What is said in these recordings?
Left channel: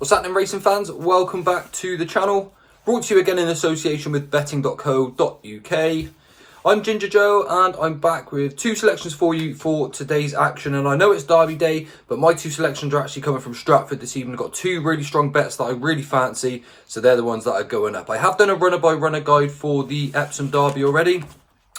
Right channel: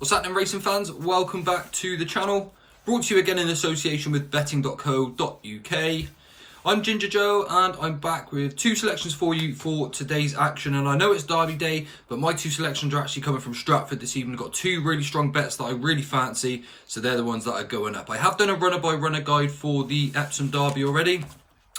What's happening, racing fans? Welcome back to the channel. Brought to you again in association with betting.co.uk. I'm Ginger Joe and I'm back with two selections for you for today's action. And I know it's Derby Day, but my two selections are actually coming from Stratford this evening. I've got two really strong bets that I really fancy, so they're the ones that are going up. I have done a runner-by-runner guide for the Epsom Derby already,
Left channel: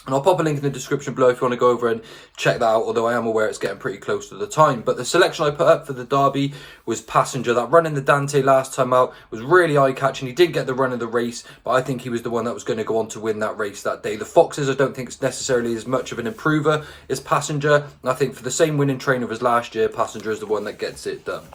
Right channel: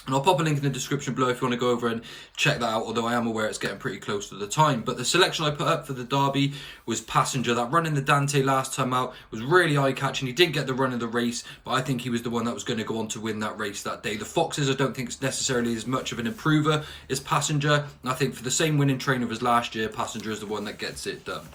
and I'll pop a link in the description below if you want to go over and check that out, although I am aware it's getting pretty close to the time. But the selection I put up for the Derby was Passenger. That run in the Dante last time out was really eye-catching. He didn't get the run of the race, but I think he was the one that was going to go on to win that race that day. The Foxes, I don't think it's necessarily as much of an improver as Passenger. And I think for the same winning trainer as last year, Passenger is the one that gets it done.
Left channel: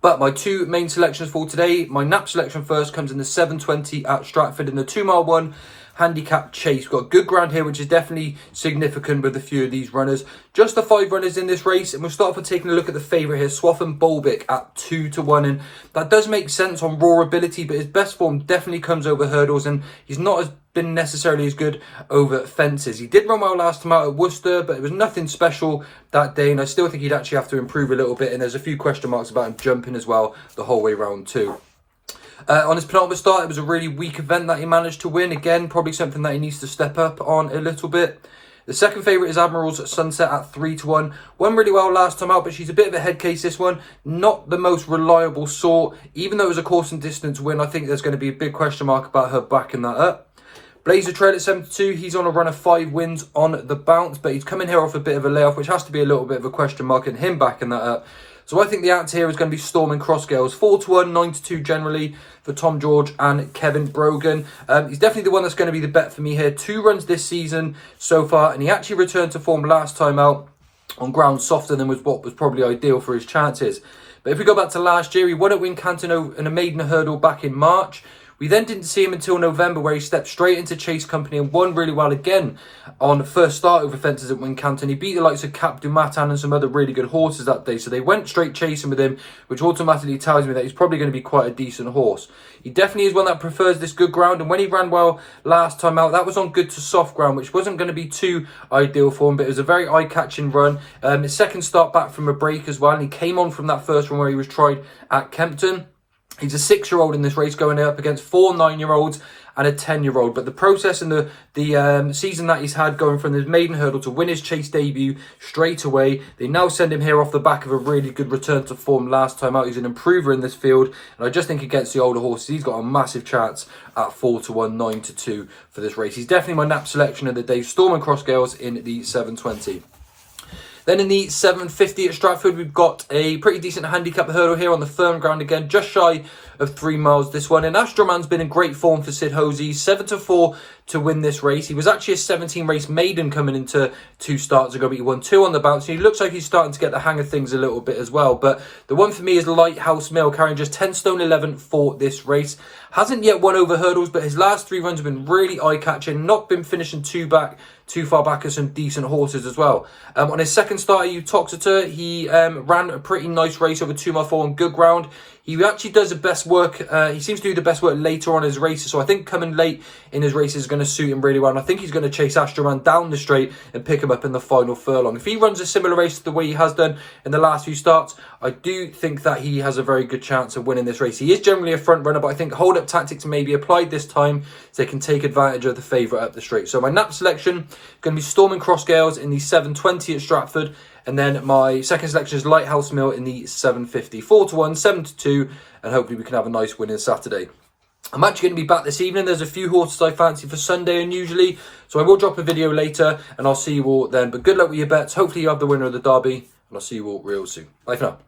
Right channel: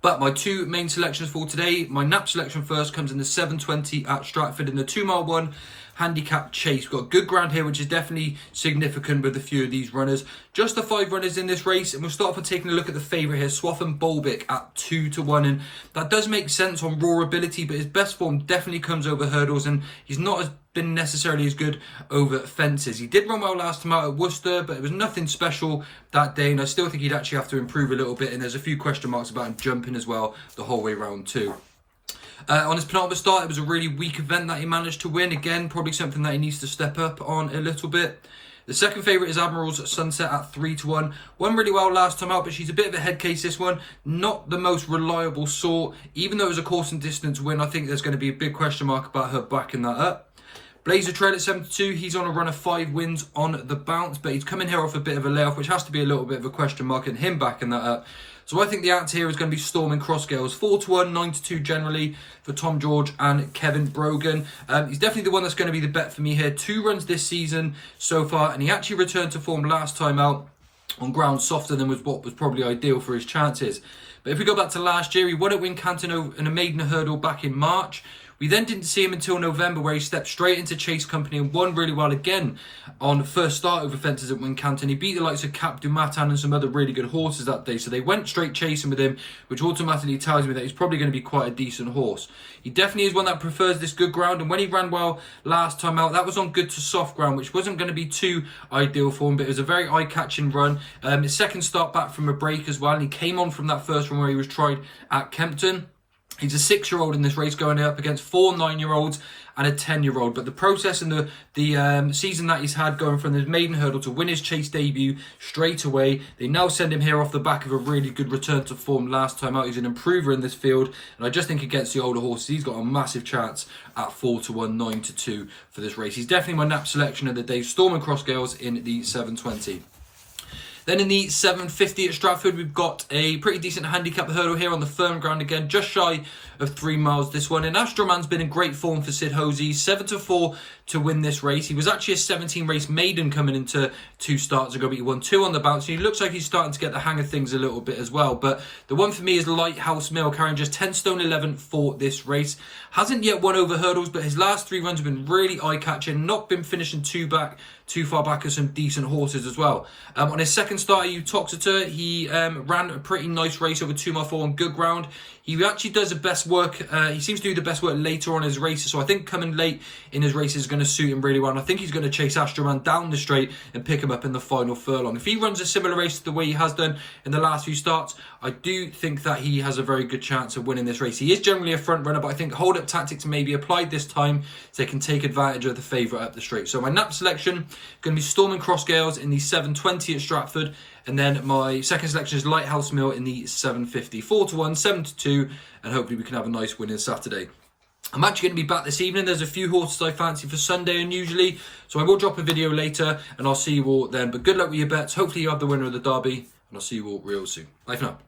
But my two main selections for today, my nap selection first comes in the 7:20 at Stratford in the 2 mile one. Handicap chase. We've got good ground here, which is definitely significant with a few of these runners. Just the 5 runners in this race, and we'll start off with taking a look at the favourite here, Swaffham Bolbic at 2-1, and that does make sense on raw ability, but his best form definitely comes over hurdles, and he's not been necessarily as good over fences. He did run well last time out at Worcester, but it was nothing special that day, and I still think he'd actually have to improve a little bit, and there's a few question marks about him jumping as well the whole way round too. On his penultimate start, it was a really weak event that he managed to win. Again, probably something that he needs to step up on a little bit. The second favourite is Admiral's Sunset at 3-1. Won really well last time out, but she's a bit of a head case this one. Not the most reliable sort. Even though it was a course and distance win, I think there's going to be a big question mark about her backing that up. Blazer Trail at 72. He's on a run of 5 wins on the bounce, but he's coming here off a bit of a layoff, which has to be a little bit of a question mark, and him backing that up. So I think the act here is going to be Storming Crossgales. 4-1, 9-2 generally for Tom George and Kevin Brogan. He's definitely the one that's going to be the bet for me here. 2 runs this season so far, and he actually returned to form last time out on ground softer than was what was probably ideal for his chances. But if we go back to last year, he won at Wincanton in a maiden hurdle back in March. We then didn't see him until November, where he stepped straight into Chase Company and won really well again on first start over fences at Wincanton. He beat the likes of Cap du Matin and some other really good horses that day, so they went straight chasing with him, which automatically tells me that he's probably going to be quite a decent horse. He definitely is one that prefers this good ground, and when he ran well last time out, that was on good to soft ground, which wasn't going to be too ideal for him, but it was a very eye-catching run. His second start back from a break as well, and he came on from that first one where he was tried at Kempton. He's a 6-year-old in this race, going up against 4 9-year-olds and a 10-year-old. But the process and the season that he's had, going from his maiden hurdle to win his Chase debut straight away, they now send him here off the back of a really good return to form last time out. He's an improver in this field, and I just think against the older horses, he's got a massive chance at 4-1, 9-2 for this race. He's definitely my nap selection of the day. Storming Crossgales in the 7:20. Then in the 7:50 at Stratford, we've got a pretty decent handicap hurdle here on the firm ground again, just shy of 3 miles this one. And Astroman's been in great form for Sid Hosey, 7-4 to win this race. He was actually a 17 race maiden coming into 2 starts ago, but he won 2 on the bounce. And he looks like he's starting to get the hang of things a little bit as well. But the one for me is Lighthouse Mill, carrying just 10 stone 11 for this race. Hasn't yet won over hurdles, but his last 3 runs have been really eye-catching. Not been finishing too far back as some decent horses as well. On his second start at Uttoxeter, he ran a pretty nice race over 2 mile 4 on good ground. He actually does the best work. He seems to do the best work later on his races. So I think coming late in his races is going to suit him really well. And I think he's going to chase Astroman down the straight and pick him up in the final furlong. If he runs a similar race to the way he has done in the last few starts, I do think that he has a very good chance of winning this race. He is generally a front runner, but I think hold-up tactics may be applied this time so they can take advantage of the favourite up the straight. So my nap selection going to be Storming Crossgales in the 7:20 at Stratford. And then my second selection is Lighthouse Mill in the 7:50. 4-1, 7-2, and hopefully we can have a nice win on Saturday. I'm actually going to be back this evening. There's a few horses I fancy for Sunday unusually, so I will drop a video later, and I'll see you all then. But good luck with your bets. Hopefully you have the winner of the Derby, and I'll see you all real soon. Bye for now.